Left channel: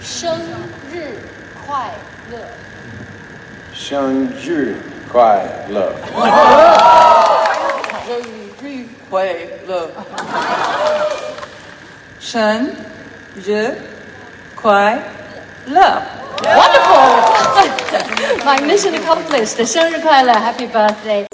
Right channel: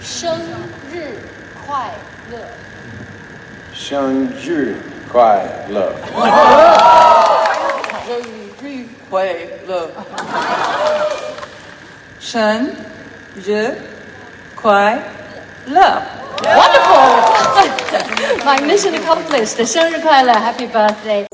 生日快乐！生日快乐！生日快乐！生日快乐 Wonderful! My mission accomplished. 生日快乐 Happy birthday!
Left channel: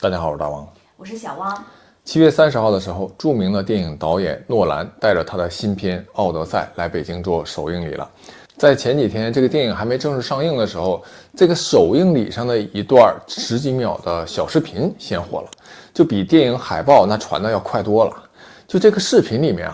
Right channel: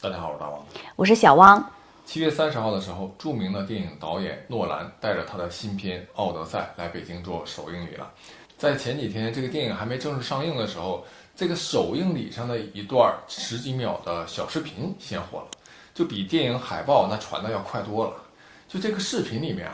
大家好，我是大王，我是小汪。7月30号的时候，著名的电影导演诺兰带着他的新片《奥德赛》来北京做首映礼了。在前几天这个电影还没正式上映的时候，这个首映礼上的一段10几秒的小视频先火了，就比电影海报那传的要快多了。就这个视频里面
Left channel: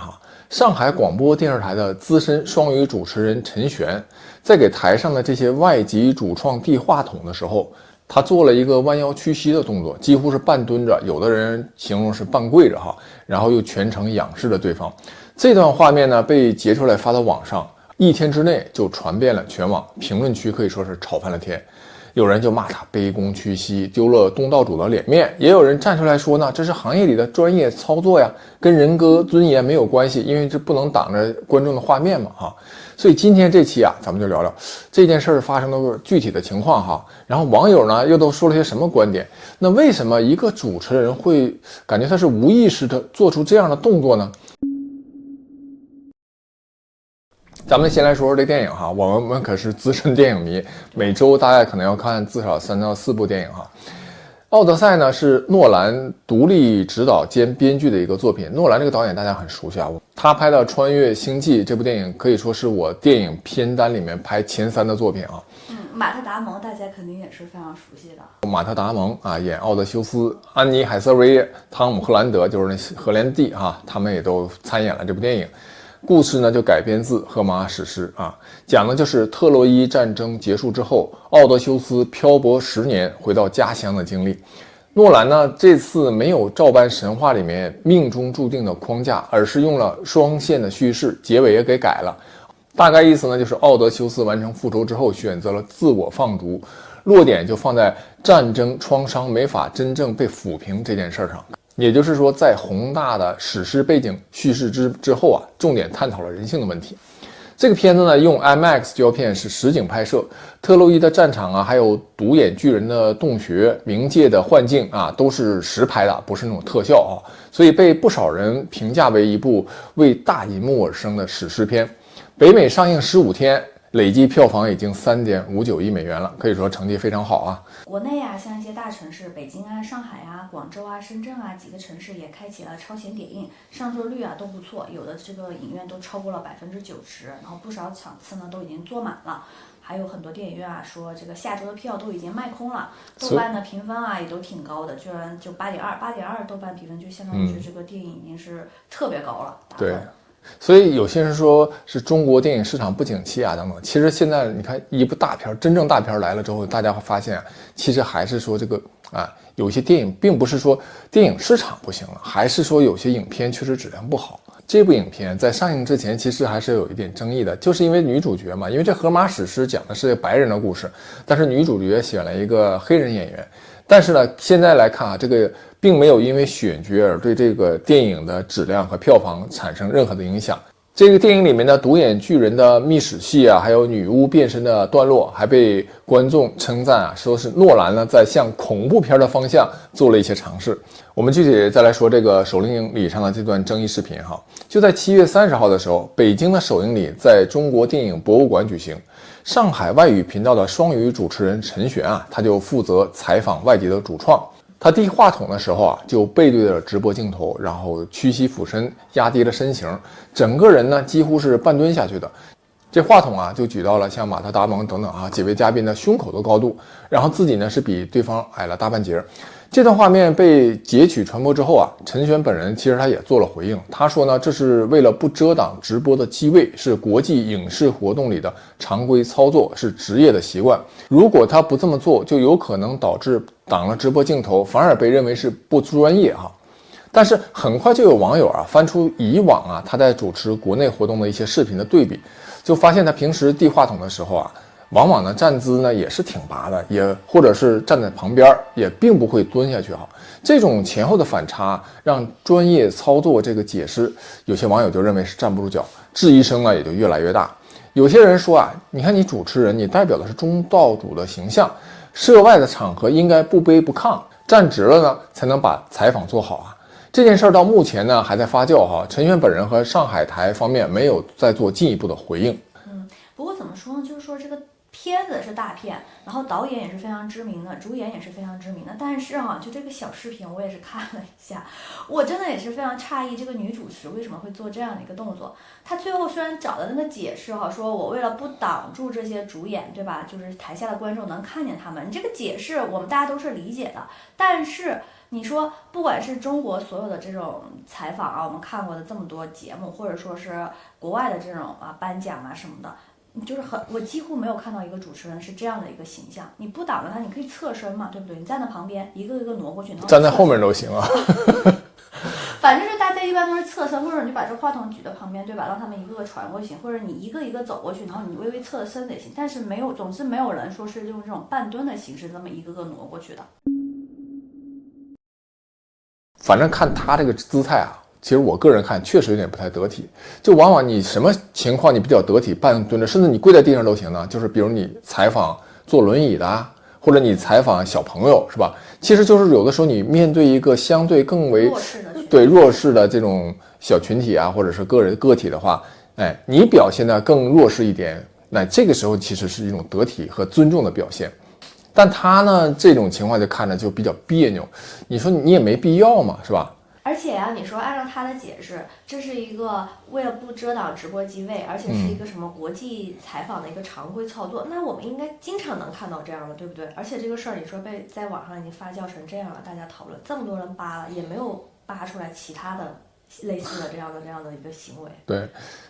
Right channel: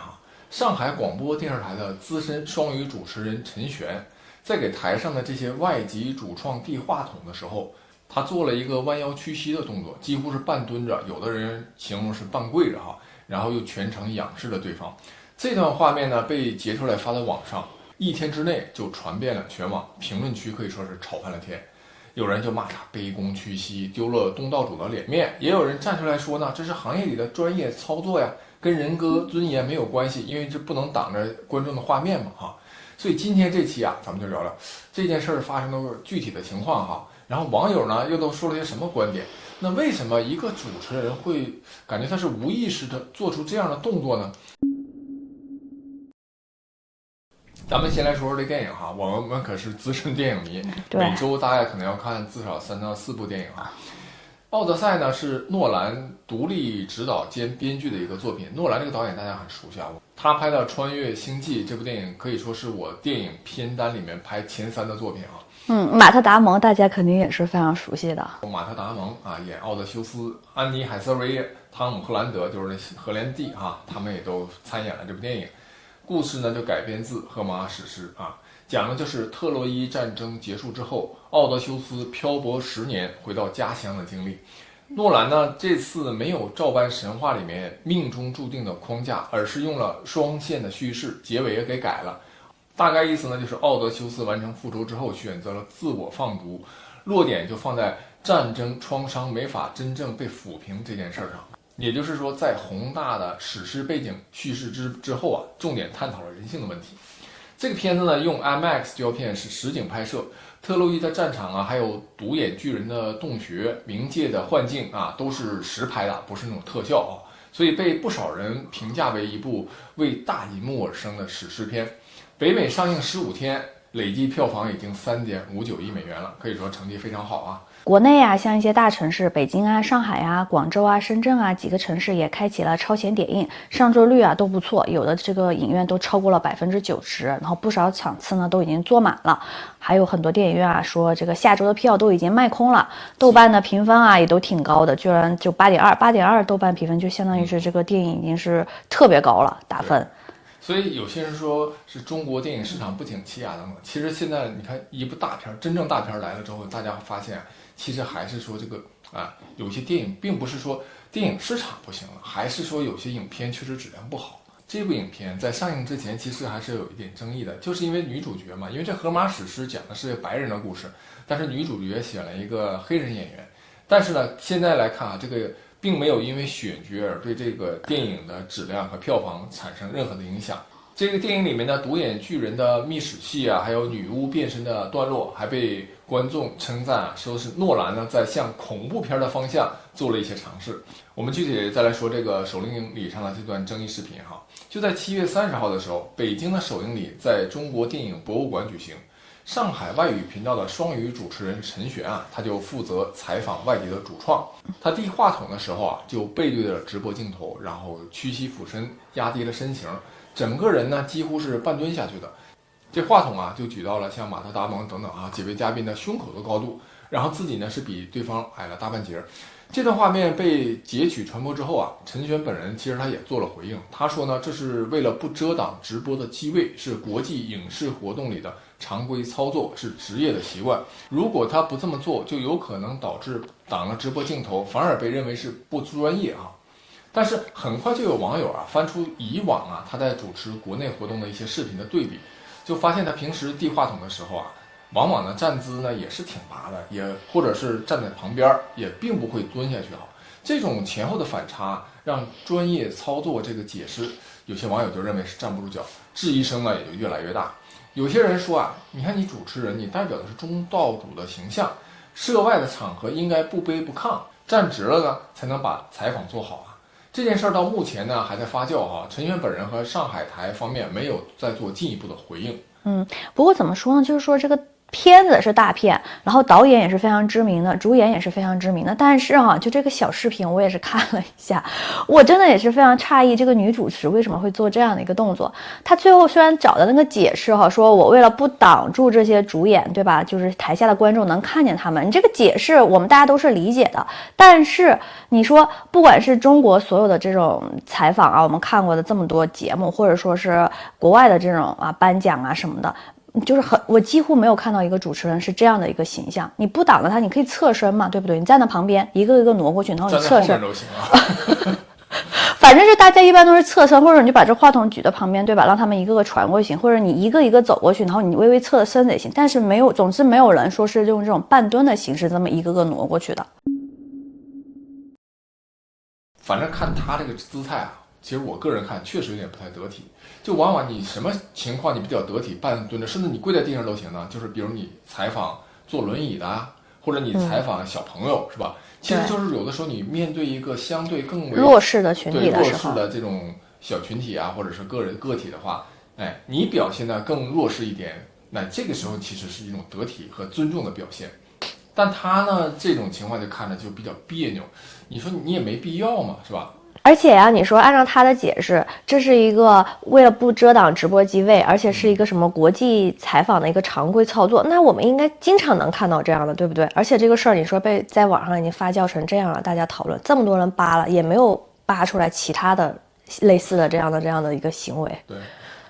上海广播电视台的资深双语主持人陈璇，在给台上的这些外籍主创递话筒的时候，他做了一个弯腰屈膝的动作，几乎是半蹲着，有的人形容是半跪着然后又全程仰视着对方。这段画面呢被截出来发到网上，1天之内就传遍了全网，评论区可以说是吵翻了天。有人就骂他卑躬屈膝，丢了东道主的脸面，也有人站出来说呢，这是行业里的专业操作呀，跟人格尊严没有关系，因为这不能挡着观众的画面嘛所以今天这期咱们就聊聊这件事发生的具体的情况然后网友呢又都说了些什么观点？那为什么一个主持人会感觉他是无意识的做出这样的动作呢？咱们先来说说这电影我们可是资深电影迷，每周大概可能要看至少3到4部电影奥德赛呢是诺兰独立执导兼编剧的一个作品。诺兰这个导演大家很熟悉他拍的《穿越星际》这部电影可以说是我电影片单里面排前3的作品马特·达蒙大家肯定也是非常熟悉的。马特·达蒙演奥德修斯，安妮·海瑟薇、汤姆·赫兰德就是那荷兰弟他们也都参演了这部电影。故事呢就改编自荷马史诗讲的就是特洛伊战争结束之后，奥德修斯漂泊10年回到家乡的经历。诺兰呢这次没有照搬神话里面命中注定的框架，而是用了双线的叙事，结尾也给改了。大概意思呢就是奥德修斯完成复仇之后选择了自我放逐，落点就放在战争创伤没法真正被抚平这件事上。也就是说，在宏大的史诗背景叙事之后重点探讨了人性的问题。这个片子呢，用 IMAX 胶片是实景拍摄，特洛伊的战场还有独眼巨人的洞穴、冥界的幻境都是实拍的，不是那种特效所以被不少人评价为一部为大银幕而生的史诗片。北美上映15天，累计票房已经3.59亿美元了，可以说成绩非常好国内像一些大城市，北京上海广州深圳几个城市也开启了超前点映，上座率都不错，有的这个影院都超过了90%，然后不少场次呢都已经坐满了，还有很多电影院说这个下周的票都已经卖空了。豆瓣的评分也都挺高的，居然就8.2，豆瓣评分就相当于是这个电影已经是特别高了打分。所以有些人说是中国电影市场不景气等等，其实现在你看一部大片，真正大片来了之后，大家会发现其实还是说这个有些电影并不是说电影市场不行了，还是说有些影片确实质量不好。这部影片在上映之前其实还是有一点争议的，就是因为女主角嘛，因为这荷马史诗讲的是白人的故事，但是女主角选了一个黑人演员。但是呢，现在来看这个并没有因为选角而对这个电影的质量和票房产生任何的影响。这个电影里面的独眼巨人的密史戏还有女巫变身的段落，还被观众称赞说是诺兰呢在向恐怖片的方向做了一些尝试。我们具体再来说这个首映礼上的这段争议视频就在7月30号的时候，北京的首映礼在中国电影博物馆举行。上海外语频道的双语主持人陈璇他就负责采访外籍的主创。他递话筒的时候就背对着直播镜头，然后屈膝俯身，压低了身形，整个人呢几乎是半蹲下去的。这话筒就举到了像马特·达蒙等等几位嘉宾的胸口的高度，然后自己呢是比对方矮了大半截。这段画面被截取传播之后陈璇本人其实他也做了回应，他说呢，这是为了不遮挡直播的机位，是国际影视活动里的常规操作，是职业的习惯。如果他不这么做，就有可能导致挡了直播镜头，反而被认为是不专业但是很快就有网友翻出以往他在主持国内活动的一些视频的对比，就发现他平时递话筒的时候往往呢站姿呢也是挺拔的，也或者是站在旁边，也并不会蹲下去哈。这种前后的反差，让专业操作这个解释，有些网友就认为是站不住脚，质疑声呢也就越来越大。有些人说啊，你看你主持人，你代表的是中道主的形象，涉外的场合应该不卑不亢，站直了呢才能把采访做好啊。这件事儿到目前呢还在发酵哈，陈璇本人和上海台方面没有再做进一步的回应。不过怎么说呢，就是说这个片子是大片，然后导演也是非常知名的，主演也是非常知名的，但是就这个小视频我也是看了一下，我真的也是非常诧异，这个女主持为什么会做这样的一个动作。她最后虽然找的那个解释说我为了不挡住这些主演，对吧，就是台下的观众能看见他们，你这个解释我们大家都是理解的，但是你说不管是中国所有的这种采访我们看过的这么多节目，或者说是国外的这种颁奖什么的，就是我几乎没有看到一个主持人是这样的一个形象。你不挡着他，你可以侧身嘛，对不对？你站在旁边，一个一个挪过去，然后你侧身，站在后面都行啊。反正就大家一般都是侧身，或者你就把这话筒举到旁边，对吧？让他们一个个传过去行，或者你一个一个走过去，然后你微微侧身子也行。但是总之没有人说是用这种半蹲的形式这么一个个挪过去的。反正看他这个姿态其实我个人看确实有点不太得体，就往往你什么情况你比较得体，半蹲着，甚至你跪在地上都行呢。就是比如你采访坐轮椅的或者你采访小朋友，是吧？其实就是有的时候你面对一个相对更为弱势的群体，对弱势的这种小群体或者是个体的话，你表现的更弱势一点，那这个时候其实是一种得体和尊重的表现。但他呢，这种情况就看着就比较别扭，你说你也没必要嘛，是吧？而且你说按照他的解释，这是一个为了不遮挡直播机位，而且是一个什么国际采访的一个常规操作，那我们应该经常能看到这样的，对不对？而且这个事儿你说在网上已经发酵成这样了，大家讨论这么多人扒了，也没有扒出来其他的类似的这样的一个行为。对，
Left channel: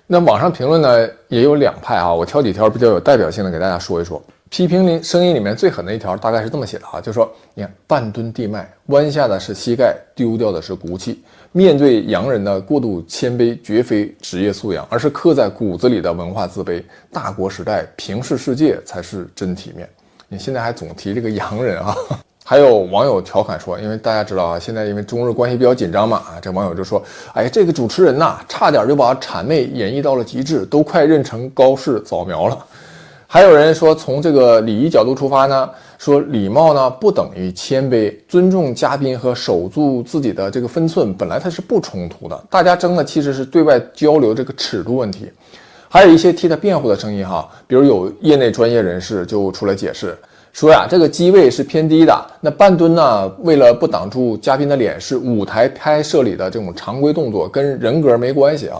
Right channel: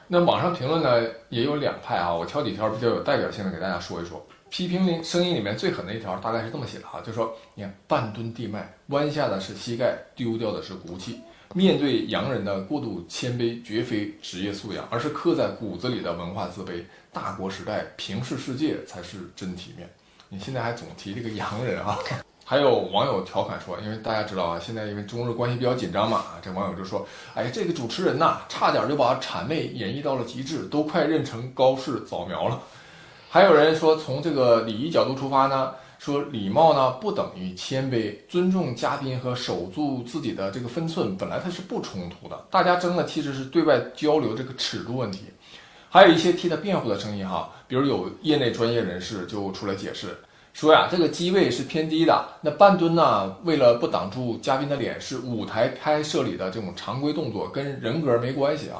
那网上评论呢也有两派我挑几条比较有代表性的给大家说一说。批评声音里面最狠的一条大概是这么写的就说你看半蹲地脉，弯下的是膝盖，丢掉的是骨气。面对洋人的过度谦卑，绝非职业素养，而是刻在骨子里的文化自卑。大国时代平视世界才是真体面。你现在还总提这个洋人还有网友调侃说，因为大家知道现在因为中日关系比较紧张嘛这网友就说，这个主持人差点就把谄媚演绎到了极致，都快认成高氏早苗了。还有人说，从这个礼仪角度出发呢，说礼貌呢不等于谦卑，尊重嘉宾和守住自己的这个分寸，本来它是不冲突的。大家争的其实是对外交流这个尺度问题。还有一些替他辩护的声音比如有业内专业人士就出来解释说这个机位是偏低的，那半蹲呢，为了不挡住嘉宾的脸，是舞台拍摄里的这种常规动作，跟人格没关系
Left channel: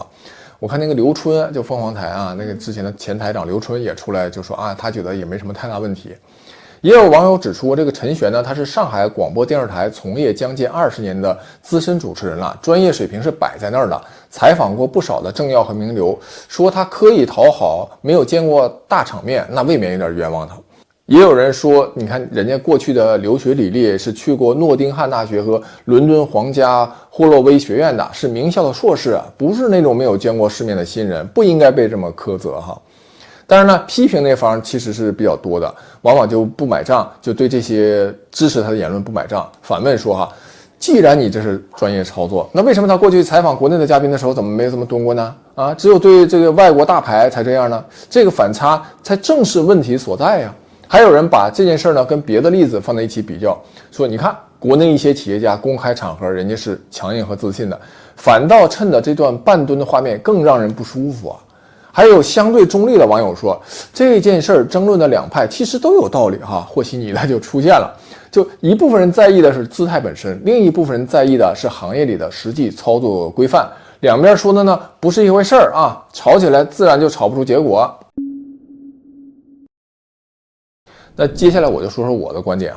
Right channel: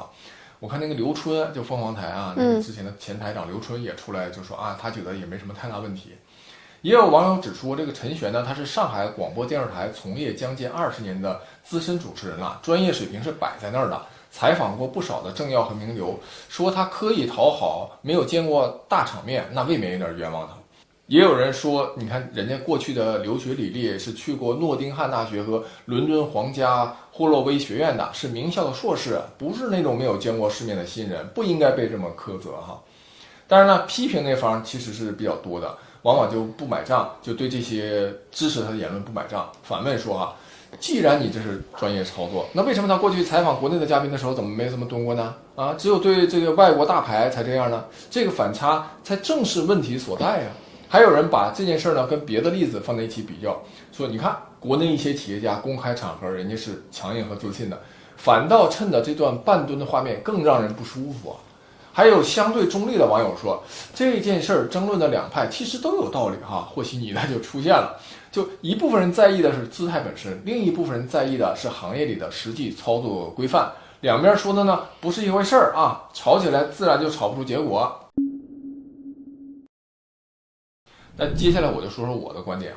我看那个刘春就凤凰台那个之前的前台长刘春也出来就说他觉得也没什么太大问题。也有网友指出，这个陈璇呢，他是上海广播电视台从业将近20年的资深主持人了，专业水平是摆在那儿的，采访过不少的政要和名流，说他刻意讨好，没有见过大场面，那未免有点冤枉他。也有人说，你看人家过去的留学履历是去过诺丁汉大学和伦敦皇家霍洛威学院的，是名校的硕士不是那种没有见过世面的新人，不应该被这么苛责当然呢，批评那方其实是比较多的，往往就不买账，就对这些支持他的言论不买账，反问说既然你这是专业操作，那为什么他过去采访国内的嘉宾的时候怎么没这么蹲过呢？只有对这个外国大牌才这样呢？这个反差才正是问题所在呀。还有人把这件事呢跟别的例子放在一起比较，说你看国内一些企业家公开场合人家是强硬和自信的，反倒趁着这段半蹲的画面更让人不舒服还有相对中立的网友说，这件事争论的两派其实都有道理和稀泥的就出现了，就一部分人在意的是姿态本身，另一部分人在意的是行业里的实际操作规范，两边说的呢不是一回事儿吵起来自然就吵不出结果。那接下来我就说说我的观点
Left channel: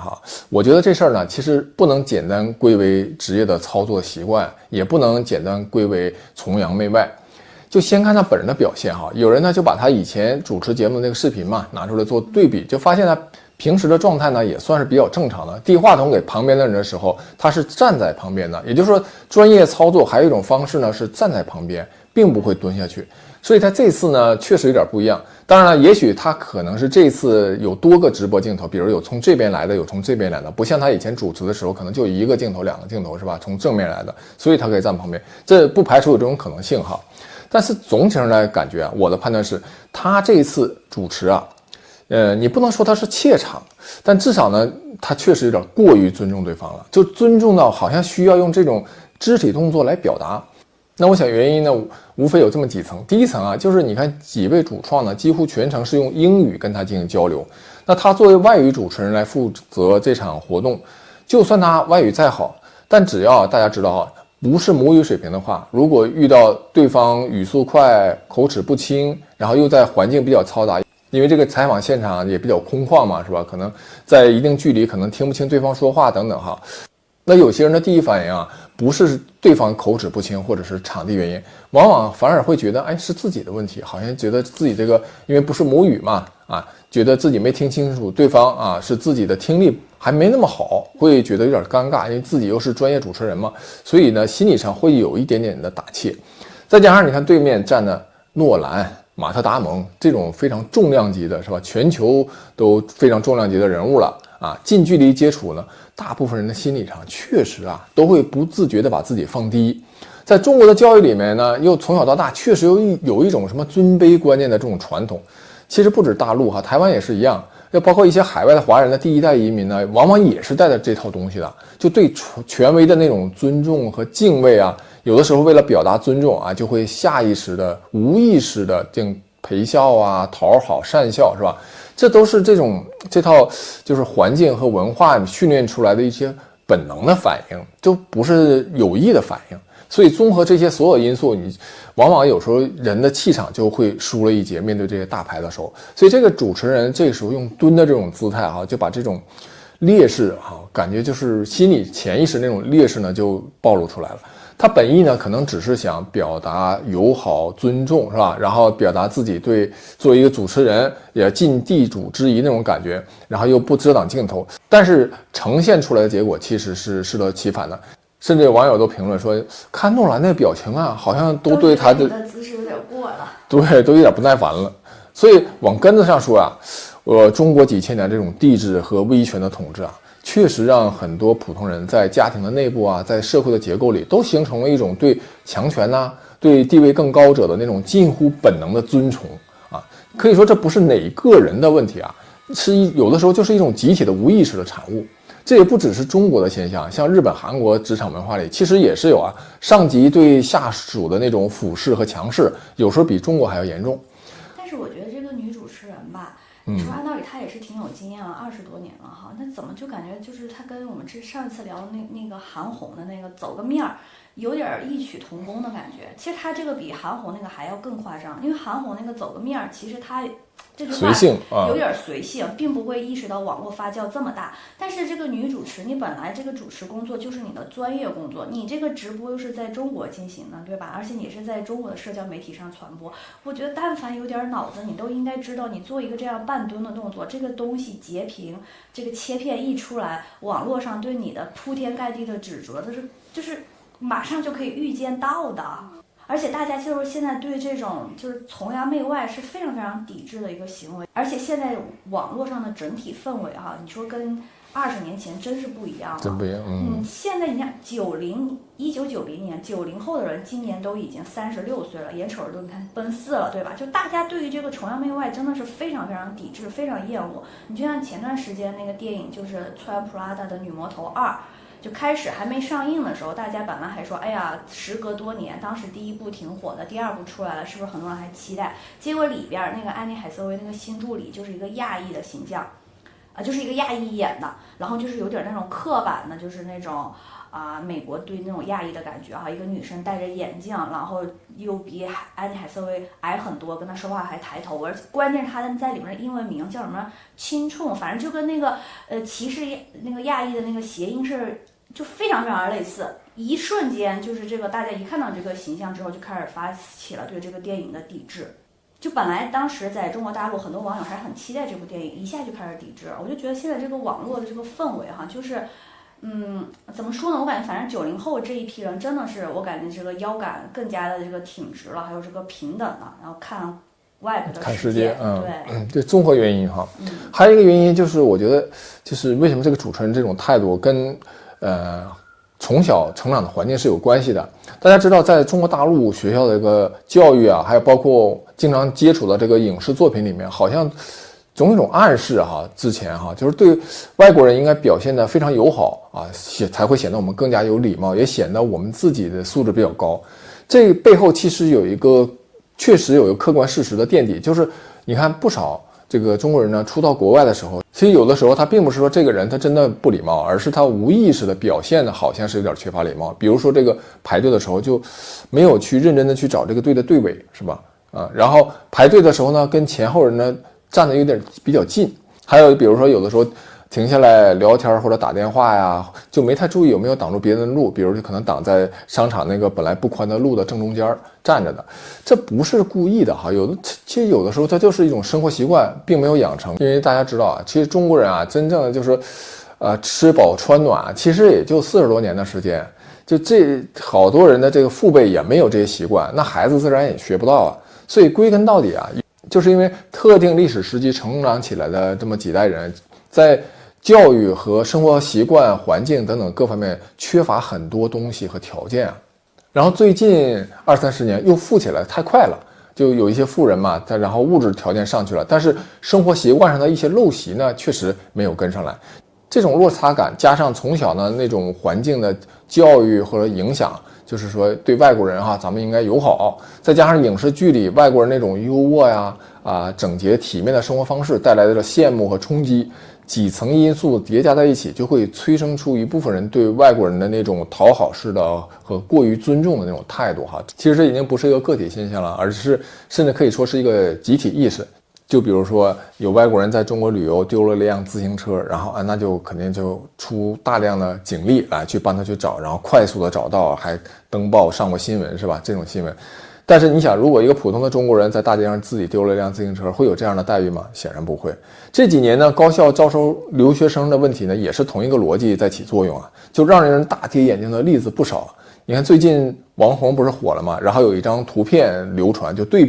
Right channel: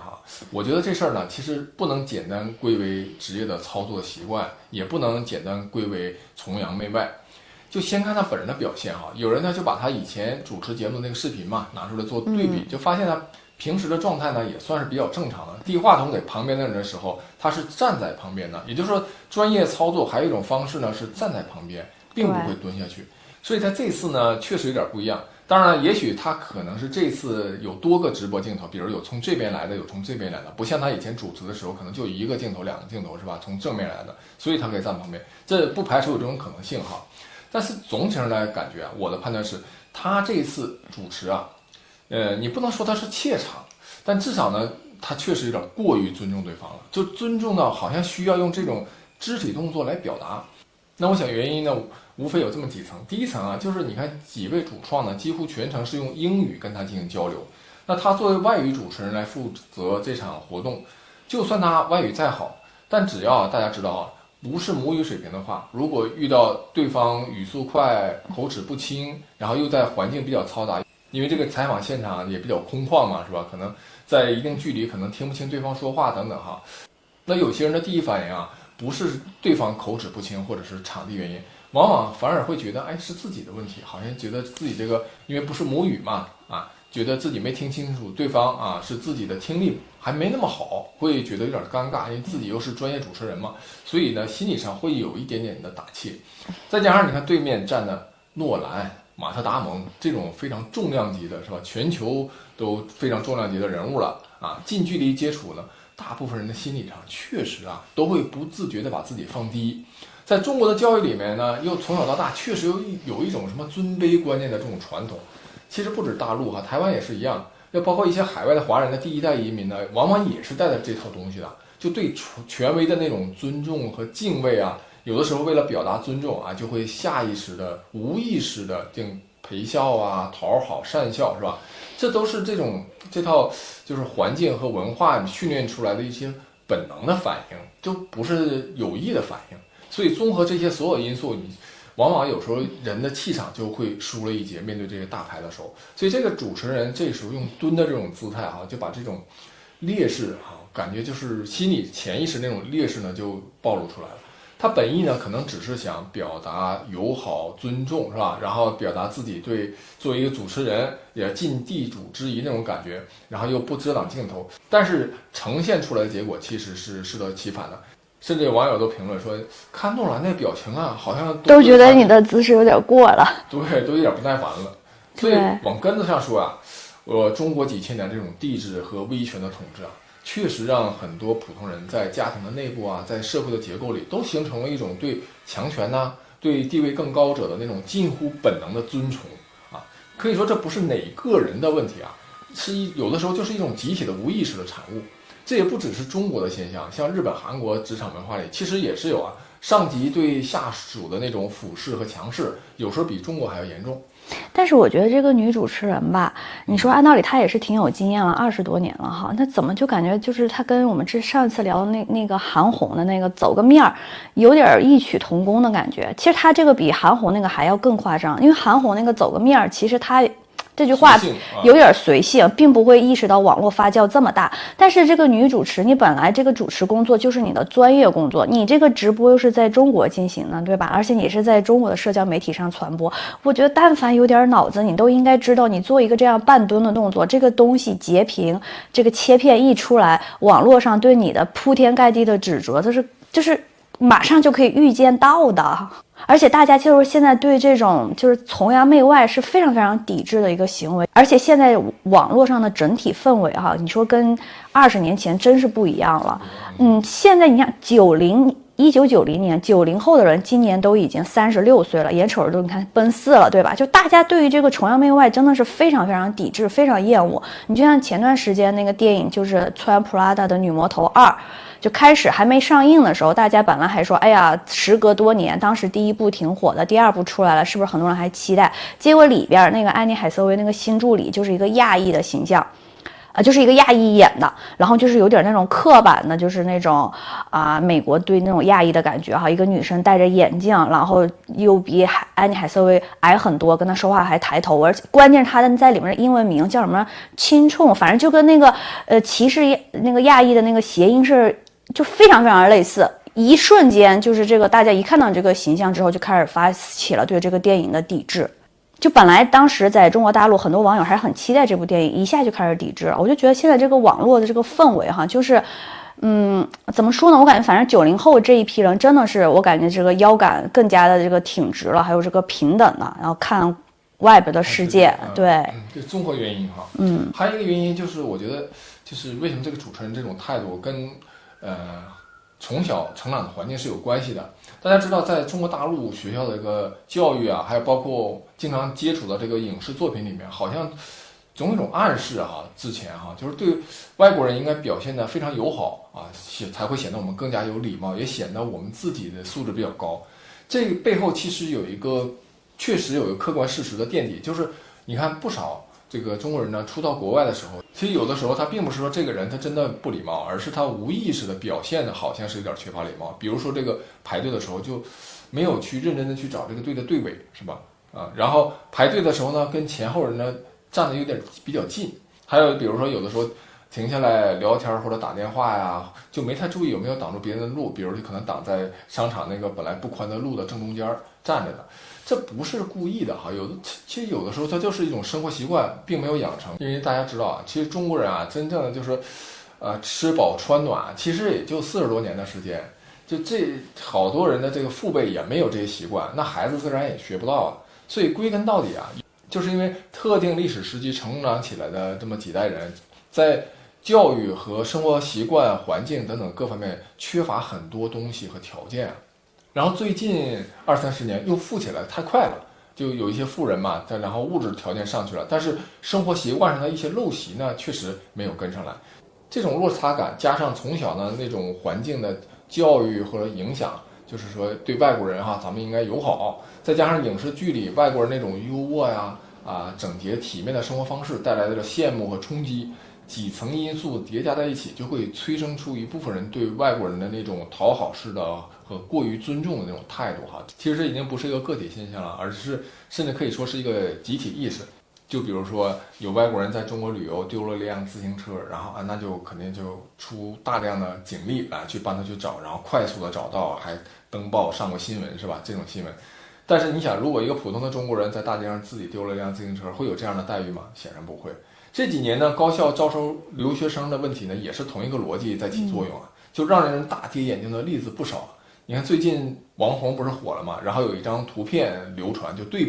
我觉得这事儿呢，其实不能简单归为职业的操作习惯，也不能简单归为崇洋媚外。就先看他本人的表现有人呢就把他以前主持节目的那个视频拿出来做对比，就发现他平时的状态呢也算是比较正常的。递话筒给旁边的人的时候，他是站在旁边的，也就是说专业操作还有一种方式呢是站在旁边，并不会蹲下去。所以他这次呢确实有点不一样。当然了，也许他可能是这次有多个直播镜头，比如有从这边来的，有从这边来的，不像他以前主持的时候可能就一个镜头、两个镜头是吧？从正面来的，所以他可以站旁边，这不排除有这种可能性哈。但是总体上来感觉我的判断是，他这一次主持你不能说他是怯场，但至少呢，他确实有点过于尊重对方了，就尊重到好像需要用这种肢体动作来表达。那我想原因呢，无非有这么几层。第一层就是你看几位主创呢，几乎全程是用英语跟他进行交流。那他作为外语主持人来负责这场活动，就算他外语再好，但只要大家知道不是母语水平的话，如果遇到对方语速快、口齿不清，然后又在环境比较嘈杂，因为这个采访现场也比较空旷嘛，是吧？可能在一定距离可能听不清对方说话等等哈。那有些人的第一反应不是对方口齿不清或者是场地原因，往往反而会觉得是自己的问题，好像觉得自己这个因为不是母语嘛觉得自己没听清楚对方是自己的听力还没那么好，会觉得有点尴尬，因为自己又是专业主持人嘛，所以呢心理上会有一点点的打怯。再加上你看对面站的诺兰、马特达蒙这种非常重量级的是吧，全球都非常重量级的人物了近距离接触呢，大部分人的心理上确实都会不自觉的把自己放低。在中国的教育里面呢，又从小到大确实有一种什么尊卑观念的这种传统。其实不止大陆台湾也是一样，要包括一些海外的华人的第一代移民呢，往往也是带着这套东西的，就对权威的那种尊重和敬畏有的时候为了表达尊重就会下意识的、无意识的陪笑讨好、善笑是吧？这都是这套就是环境和文化训练出来的一些本能的反应，就不是有意的反应。所以综合这些所有因素，你往往有时候人的气场就会输了一截，面对这些大牌的时候。所以这个主持人这个时候用蹲的这种姿态就把这种劣势感觉就是心理潜意识那种劣势呢就暴露出来了。他本意呢可能只是想表达友好尊重是吧，然后表达自己对作为一个主持人也尽地主之谊那种感觉，然后又不遮挡镜头，但是呈现出来的结果其实是适得其反的。甚至有网友都评论说，看诺兰那表情好像都觉得你的姿势有点过了，对，都有点不耐烦了。所以往根子上说中国几千年这种帝制和威权的统治确实让很多普通人在家庭的内部在社会的结构里都形成了一种对强权对地位更高者的那种近乎本能的尊崇可以说这不是哪个人的问题是有的时候就是一种集体的无意识的产物。这也不只是中国的现象，像日本、韩国职场文化里其实也是有上级对下属的那种俯视和强势，有时候比中国还要严重。但是我觉得这个女主持人吧，你说按道理她也是挺有经验了，20多年了那怎么就感觉就是她跟我们上一次聊的那个韩红的那个走个面儿，有点异曲同工的感觉。其实她这个比韩红那个还要更夸张，因为韩红那个走个面儿，其实她这句话有点随性，并不会意识到网络发酵这么大。但是这个女主持，你本来这个主持工作就是你的专业工作，你这个直播又是在中国进行的，对吧？而且你是在中国的社交媒体上传播，我觉得但凡有点脑子，你都应该知道，你做一个这样半蹲的动作，这个东西截屏，这个切片一出来，网络上对你的铺天盖地的指责，就是马上就可以预见到的。而且大家就是现在对这种就是崇洋媚外是非常非常抵制的一个行为，而且现在网络上的整体氛围你说跟20年前真是不一样了。现在你看1990年90后的人今年都已经36岁了，眼瞅着都你看奔4了，对吧？就大家对于这个崇洋媚外真的是非常非常抵制，非常厌恶。你就像前段时间那个电影就是穿 Prada 的女魔头2，就开始还没上映的时候，大家本来还说，哎呀，时隔多年，当时第1部挺火的，第2部出来了，是不是很多人还期待？结果里边那个安妮海瑟薇那个新助理就是一个亚裔的形象，就是一个亚裔演的，然后就是有点那种刻板的，就是那种美国对那种亚裔的感觉一个女生戴着眼镜，然后又比安妮海瑟薇矮很多，跟她说话还抬头，而且关键是她在里面的英文名叫什么青冲，反正就跟那个歧视那个亚裔的那个谐音是就非常非常类似。一瞬间就是这个大家一看到这个形象之后，就开始发起了对这个电影的抵制。就本来当时在中国大陆很多网友还很期待这部电影，一下就开始抵制了。我就觉得现在这个网络的这个氛围就是怎么说呢，我感觉反正90后这一批人真的是我感觉这个腰杆更加的这个挺直了，还有这个平等了，然后看外边的世界。对，这综合原因哈。还有一个原因就是我觉得就是为什么这个主持人这种态度跟从小成长的环境是有关系的。大家知道，在中国大陆学校的这个教育啊，还有包括经常接触的这个影视作品里面，好像总有一种暗示哈，之前哈，就是对外国人应该表现得非常友好啊，才会显得我们更加有礼貌，也显得我们自己的素质比较高。这背后其实确实有一个客观事实的垫底，就是你看不少这个中国人呢，初到国外的时候，其实有的时候他并不是说这个人他真的不礼貌，而是他无意识的表现的好像是有点缺乏礼貌。比如说这个排队的时候就没有去认真的去找这个队的队尾，是吧？然后排队的时候呢，跟前后人呢站得有点比较近。还有比如说有的时候停下来聊天或者打电话呀，就没太注意有没有挡住别人的路，比如就可能挡在商场那个本来不宽的路的正中间站着的，这不是故意的哈。其实有的时候它就是一种生活习惯，并没有养成。因为大家知道啊，其实中国人啊，真正的就是吃饱穿暖，其实也就40多年的时间，就这好多人的这个父辈也没有这些习惯，那孩子自然也学不到啊。所以归根到底啊，就是因为特定历史时期成长起来的这么几代人，在教育和生活习惯、环境等等各方面缺乏很多东西和条件啊。然后最近20-30年又富起来太快了，就有一些富人嘛，然后物质条件上去了，但是生活习惯上的一些陋习呢，确实没有跟上来。这种落差感加上从小呢那种环境的教育或者影响，就是说对外国人哈，咱们应该友好，再加上影视剧里外国人那种优渥呀、整洁体面的生活方式带来的羡慕和冲击。几层因素叠加在一起，就会催生出一部分人对外国人的那种讨好式的和过于尊重的那种态度哈。其实这已经不是一个个体现象了，而是甚至可以说是一个集体意识。就比如说有外国人在中国旅游丢了一辆自行车，然后那就肯定就出大量的警力来去帮他去找，然后快速的找到，还登报上过新闻，是吧？这种新闻。但是你想，如果一个普通的中国人在大街上自己丢了一辆自行车，会有这样的待遇吗？显然不会。这几年呢，高校招收留学生的问题呢，也是同一个逻辑在起作用啊，就让人大跌眼镜的例子不少。你看最近王红不是火了吗？然后有一张图片流传，就对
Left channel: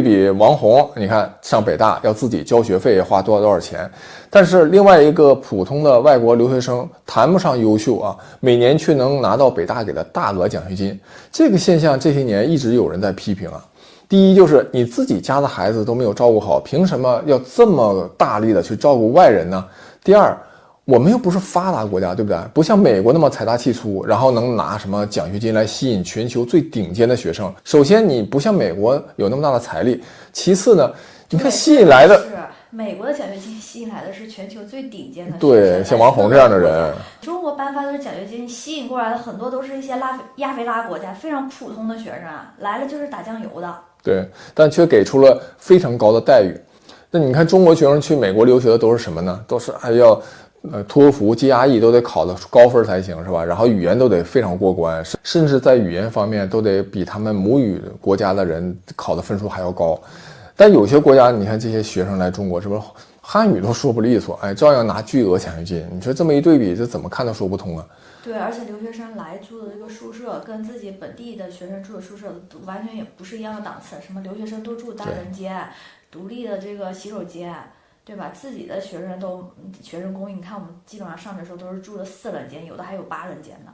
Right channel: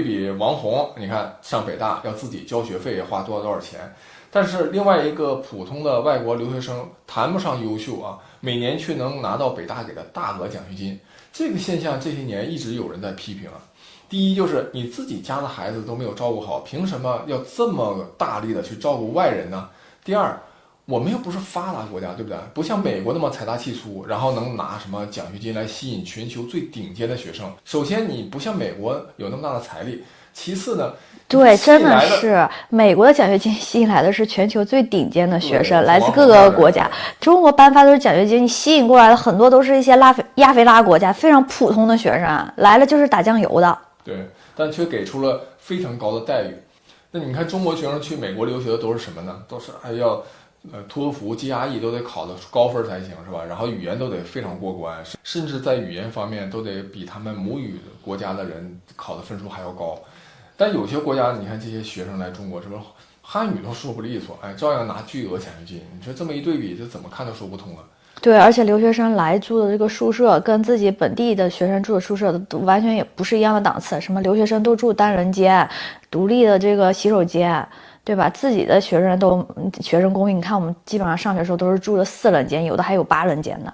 比王红，你看上北大要自己交学费，花多少钱，但是另外一个普通的外国留学生谈不上优秀啊，每年却能拿到北大给的大额奖学金。这个现象这些年一直有人在批评啊。第一就是你自己家的孩子都没有照顾好，凭什么要这么大力的去照顾外人呢？第二，我们又不是发达国家，对不对？不像美国那么财大气粗，然后能拿什么奖学金来吸引全球最顶尖的学生。首先，你不像美国有那么大的财力；其次呢，对，吸引来的是美国的奖学金吸引来的是全球最顶尖的学生，来自各个国家。中国颁发的是奖学金，你吸引过来的很多都是一些亚非拉国家非常普通的学生，来了就是打酱油的。对，但却给出了非常高的待遇。那你看中国学生去美国留学的都是什么呢？都是还要托福、GRE 都得考得高分才行，是吧？然后语言都得非常过关，甚至在语言方面都得比他们母语国家的人考的分数还要高。但有些国家，你看这些学生来中国，是不是汉语都说不利索，照样拿巨额奖学金？你说这么一对比，这怎么看都说不通啊。对，而且留学生来住的这个宿舍跟自己本地的学生住的宿舍都完全也不是一样的档次。什么留学生都住单人间，独立的这个洗手间，对吧？自己的学生公寓，你看我们基本上上学的时候都是住的4人间，有的还有8人间呢。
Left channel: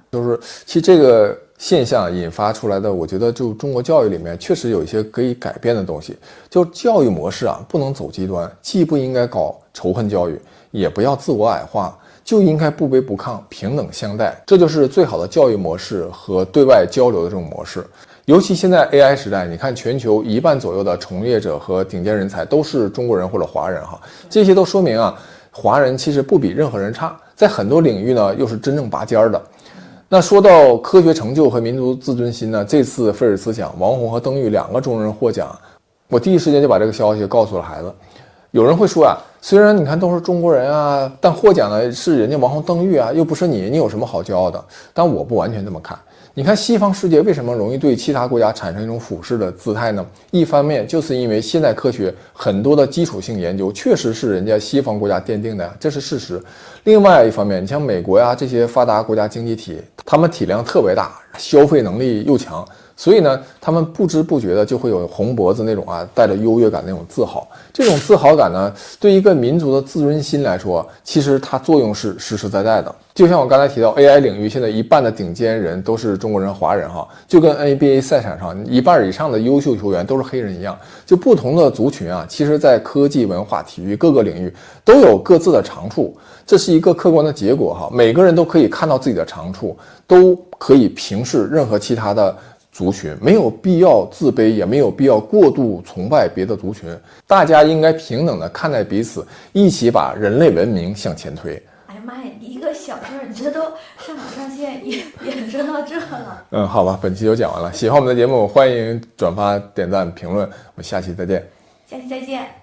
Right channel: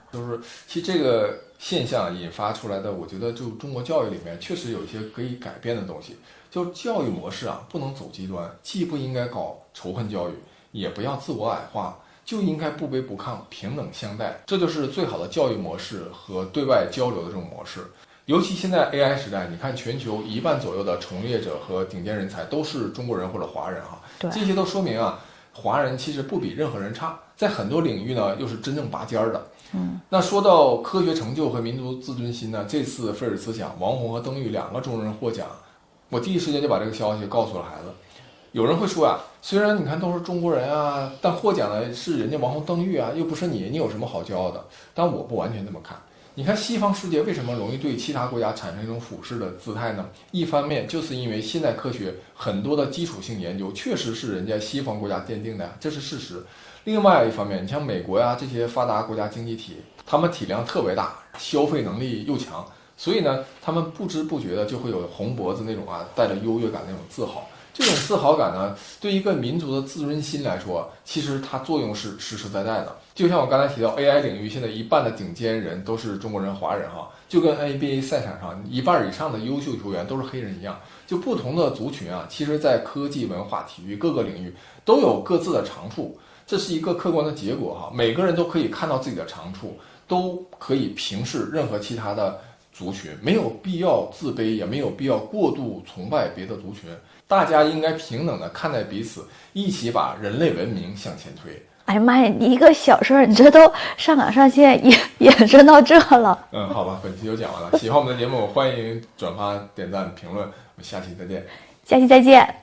其实这个现象引发出来的，我觉得就中国教育里面确实有一些可以改变的东西。就教育模式啊，不能走极端，既不应该搞仇恨教育，也不要自我矮化。就应该不卑不亢，平等相待，这就是最好的教育模式和对外交流的这种模式。尤其现在 AI 时代，你看全球1半左右的从业者和顶尖人才都是中国人或者华人哈，这些都说明啊，华人其实不比任何人差，在很多领域呢又是真正拔尖的。那说到科学成就和民族自尊心呢，这次菲尔兹奖，王红和邓玉2个中国人获奖，我第一时间就把这个消息告诉了孩子。有人会说啊，虽然你看都是中国人啊，但获奖的是人家王红邓玉啊，又不是你有什么好骄傲的？但我不完全这么看。你看西方世界为什么容易对其他国家产生一种俯视的姿态呢？一方面就是因为现代科学很多的基础性研究确实是人家西方国家奠定的呀，这是事实。另外一方面，你像美国呀这些发达国家经济体，他们体量特别大，消费能力又强，所以呢，他们不知不觉的就会有红脖子那种带着优越感那种自豪。这种自豪感呢，对一个民族的自尊心来说，其实它作用是实实在在的。就像我刚才提到 AI 领域，现在一半的顶尖人都是中国人、华人哈，就跟 NBA 赛场上一半以上的优秀球员都是黑人一样。就不同的族群其实在科技、文化、体育各个领域都有各自的长处，这是一个客观的结果哈。每个人都可以看到自己的长处，都可以平视任何其他的族群，没有必要自卑，也没有必要过度崇拜别的族群。大家应该平等的看待彼此，一起把人类文明向前推。哎呀妈呀，一个小事儿，你这都上纲上线延伸到这了。好吧，本期就讲完了。喜欢我们的节目，欢迎转发、点赞、评论。我们下期再见。下期再见。